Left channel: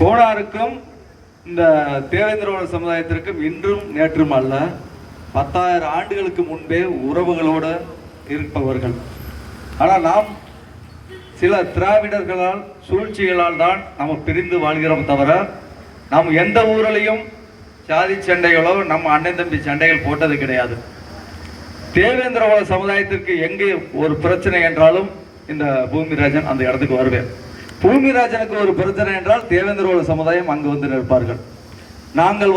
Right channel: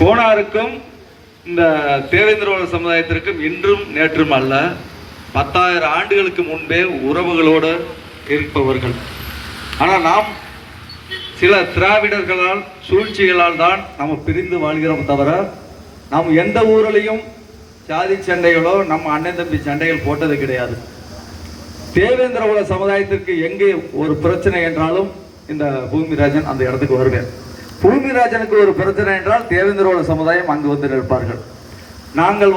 கோனாருக்கும் இந்த தேவேந்திரோட சமுதாயத்திற்கும் இன்றும் நேற்றும் அல்ல, 10,000 ஆண்டுகளுக்கு முன்பே உறவுகளோடு இருப்பவர்கள். ஆனால் நாம் சில திராவிடர்களால் சூழ்ச்சிகளால் தான் நம்ம பிரிந்து வாழ்கிறோம் தவிர நாம் எந்த ஊரிலையும் சாதி சண்டைகளோ நம்ம அண்ணன் தம்பி சண்டைகள் போட்டது கிடையாது. தேவேந்திரோட சமுதாயத்திற்கு எங்கே ஒரு பிரச்சனை என்றாலும் இந்த பூமிராஜன் அந்த இடத்துக்கு வருவேன். பூமிராஜனுக்கு ஒரு பிரச்சனை என்றால் தேவேந்திரோட சமுதாயம் அங்கு வந்து நிற்பார்கள். நாங்கள்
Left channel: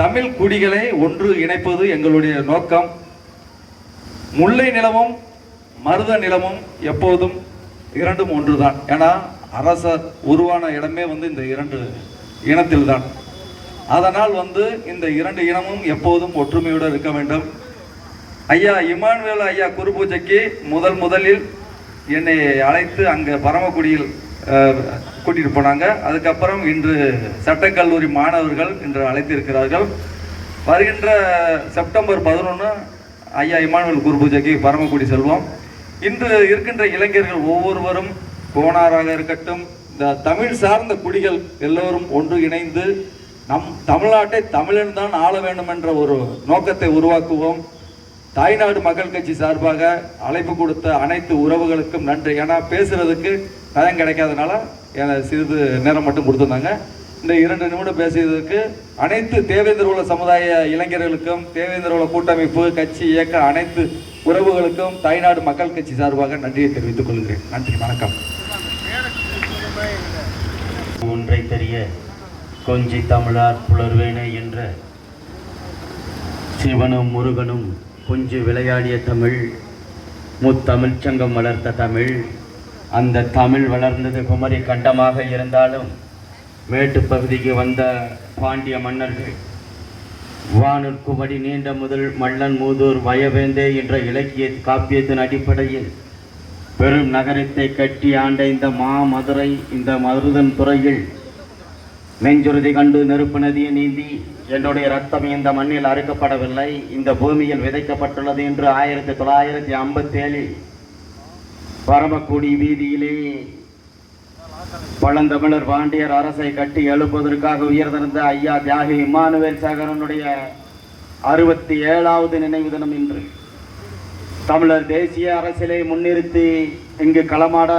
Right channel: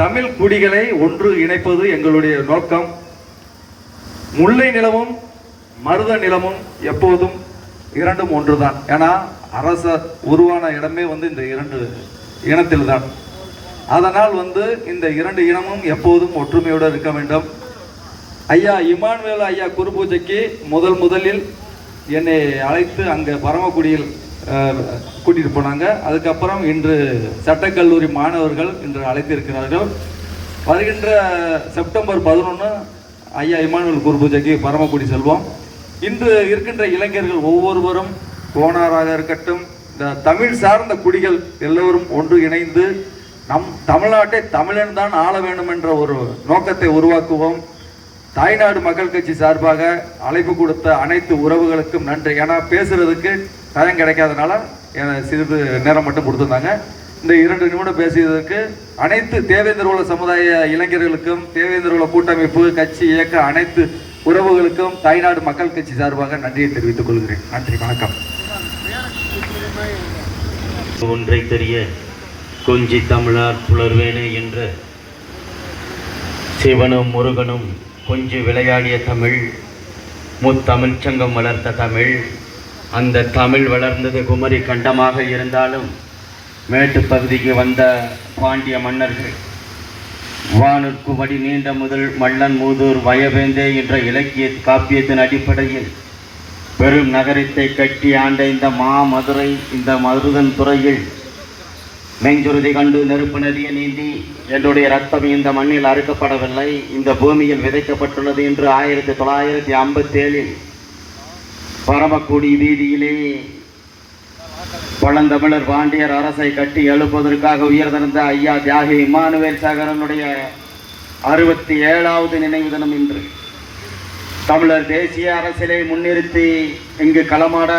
தமிழ் குடிகளை ஒன்று இணைப்பது எங்களுடைய நோக்கம். முல்லை நிலமும் மருத நிலமும் எப்போதும் இரண்டும் ஒன்றுதான். ஏன்னா அரச உருவான இடமே இந்த இரண்டு இனத்தில் தான். அதனால் இந்த இரண்டு இனமும் எப்போதும் ஒற்றுமையோடு இருக்க வேண்டும். ஐயா இமானுவேல் ஐயா குருபூஜைக்கு முதலில் என்னை அழைத்து அங்கே பரமக்குடியில் கூட்டிகிட்டு போனாங்க. அதுக்கப்புறம் இன்று சட்டக்கல்லூரி மாணவர்கள் இன்று அழைத்திருக்கிறார்கள். வருகின்ற செப்டம்பர் 11 ஐயா இமானுவேல் குருபூஜைக்கு பரமக்குடி செல்வோம். இன்று இருக்கின்ற இளைஞர்கள் ஒவ்வொருவரும் கோனாராக இருக்கட்டும், இந்த தமிழ் சார்ந்த குடிகள் எல்லோரும் ஒன்று இணைந்து நம் தமிழ்நாட்டை தமிழன் தான் ஆள வேண்டும் என்ற ஒரு நோக்கத்தை உருவாக்குவோம். தாய்நாடு மக்கள் கட்சி சார்பாக அழைப்பு கொடுத்த அனைத்து உறவுகளுக்கும் நன்றி. ஏன்னா பேசுறதுக்கு நேரம் கிடைக்காதனால சிறிது நேரம் மட்டும் கொடுத்துருந்தாங்க. இந்த 2 நிமிடம் பேசியதற்கு அனைத்து தேவேந்திரோல சமுதாய இளைஞர்களுக்கும், தேவேந்திரோல கூட்டமைப்பு கட்சி இயக்க அனைத்து உறவுகளுக்கும் தாய்நாடு மக்கள் கட்சி சார்பாக நன்றியை தெரிவித்துக் கொள்கிறேன். நன்றி, வணக்கம். ஒன்றை தெரிய கொஞ்சி தமிழார் புலர்வேனே என்ற சிவனும் முருகனும் கொஞ்சி விளையாடிய தமிழ், முத்தமிழ் சங்கம் வளர்த்த தமிழ். அந்த தமிழ் வளர்ந்தது குமரி கண்டமாக இருந்தாலும் மேட்டு பகுதிக்கு வந்த பாண்டிய மன்னர்கள் வானுக்கு வடி நீண்ட முதல் மல்லன் மூதூர் வயவேந்தே என்ற இலக்கிய காப்பியத்தின் அடிப்படையில் பெரும் நகரத்தை கட்டி ஆண்ட இந்த மதுரை, இந்த மருதன் துறையில் நெஞ்சுறுதி கண்டு நெருப்பு நதியை நீந்தி என்னுடைய ரத்தம் இந்த மண்ணில் அறுக்கப்படவில்லை, இந்த பூமியில் விதைக்கப்பட்டுள்ளது என்று 1957 பரமக்குடி வீதியிலே பழந்தமிழர் பாண்டியர் அரசை கட்டி எழுப்பதற்காக உயர்ந்திருந்த ஐயா தியாகி இமானுவேல் சேகரனுடைய 67வது நினைவு தினம் இன்று. தமிழர் தேசிய அரசியலை முன்னிறுத்தி இங்கு களமாட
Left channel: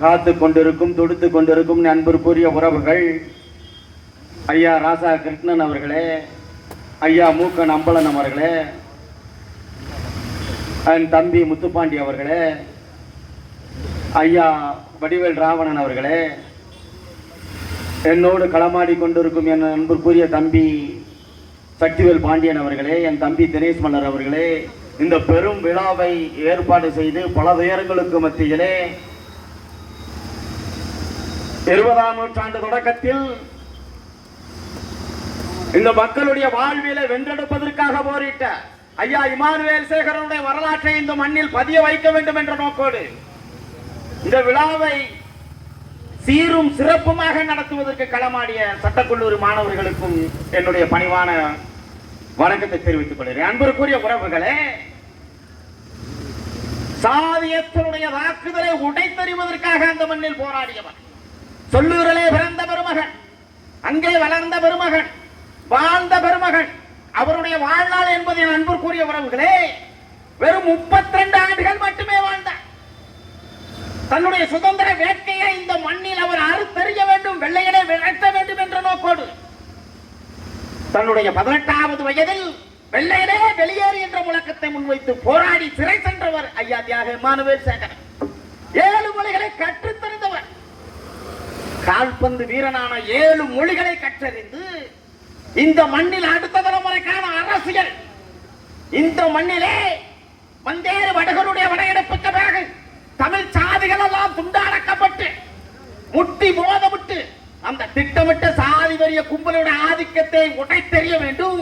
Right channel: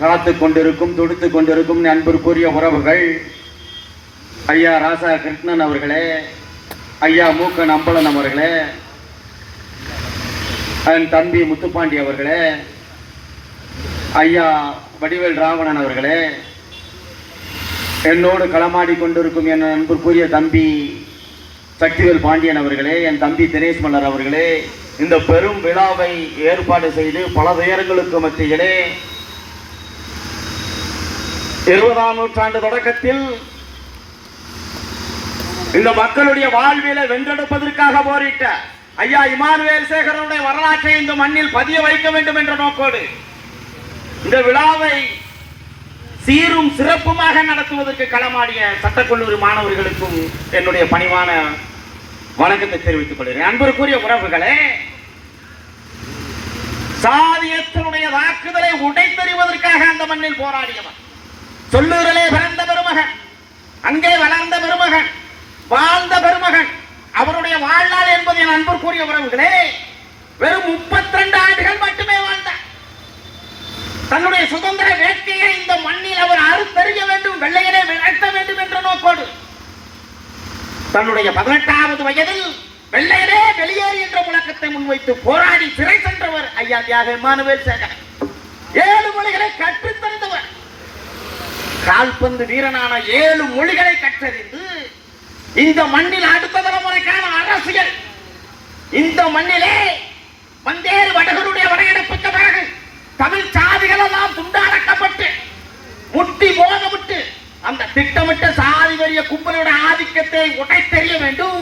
காத்து கொண்டிருக்கும், துடித்து கொண்டிருக்கும் அன்பிற்குரிய உறவுகள் ஐயா ராசா கிருஷ்ணன் அவர்களே, ஐயா மூக்கன் அம்பலன் அவர்களே, என் தம்பி முத்துப்பாண்டி அவர்களே, ஐயா வடிவேல் ராவணன் அவர்களே, என்னோடு களமாடி கொண்டிருக்கும் என் அன்பிற்குரிய தம்பி சக்திவேல் பாண்டியன் அவர்களே, என் தம்பி தினேஷ் மல்லர் அவர்களே, இந்த பெரும் விழாவை ஏற்பாடு செய்து பல துயரங்களுக்கு மத்தியிலே 20ஆம் நூற்றாண்டு தொடக்கத்தில் இந்த மக்களுடைய வாழ்விலை வென்றெடுப்பதற்காக போரிட்ட ஐயா இமானுவேல் சேகரனுடைய வரலாற்றை இந்த மண்ணில் பதிய வைக்க வேண்டும் என்ற நோக்கோடு இந்த விழாவை சீரும் சிறப்புமாக நடத்துவதற்கு களமாடிய சட்டக்கல்லூரி மாணவர்களுக்கும் என்னுடைய பணிவான வணக்கத்தை தெரிவித்துக் கொள்கிறேன். அன்பிற்குரிய உறவுகளே, சாதியத்தினுடைய தாக்குதலை உடைத்தறிவதற்காக அந்த மண்ணில் போராடியவர், சொல்லூரிலே பிறந்த பெருமகன், அங்கே வளர்ந்த பெருமகன், வாழ்ந்த பெருமகன். அவருடைய வாழ்நாள் என்பது என் அன்பிற்குரிய உறவுகளே வெறும் 32 ஆண்டுகள் மட்டுமே வாழ்ந்தார். தன்னுடைய சுதந்திர வேட்கையை இந்த மண்ணில் அவர் அறுத்தறிய வேண்டும், வெள்ளையரை விரட்ட வேண்டும் என்ற நோக்கோடு தன்னுடைய 18வது வயதில் வெள்ளையரே வெளியேறு என்ற முழக்கத்தை முன்வைத்து போராடி சிறை சென்றவர் ஐயா தியாக இமானுவேல் சேகரன். 7 மொழிகளை கற்றுத்தந்தவர், கால்பந்து வீரனான 7 மொழிகளை கற்றறிந்து இந்த மண்ணில் அடுத்த தலைமுறைக்கான அரசியல், இந்த மண்ணிலே வந்தேறு வடகருடைய வரையெடுப்புக்கு பிறகு தமிழ் சாதிகள் எல்லாம் துண்டாடக்கப்பட்டு முட்டி போதவிட்டு அந்த திட்டமிட்ட சாதி வரிய கும்பலுடைய ஆதிக்கத்தை உடைத்தெறிய வேண்டும்.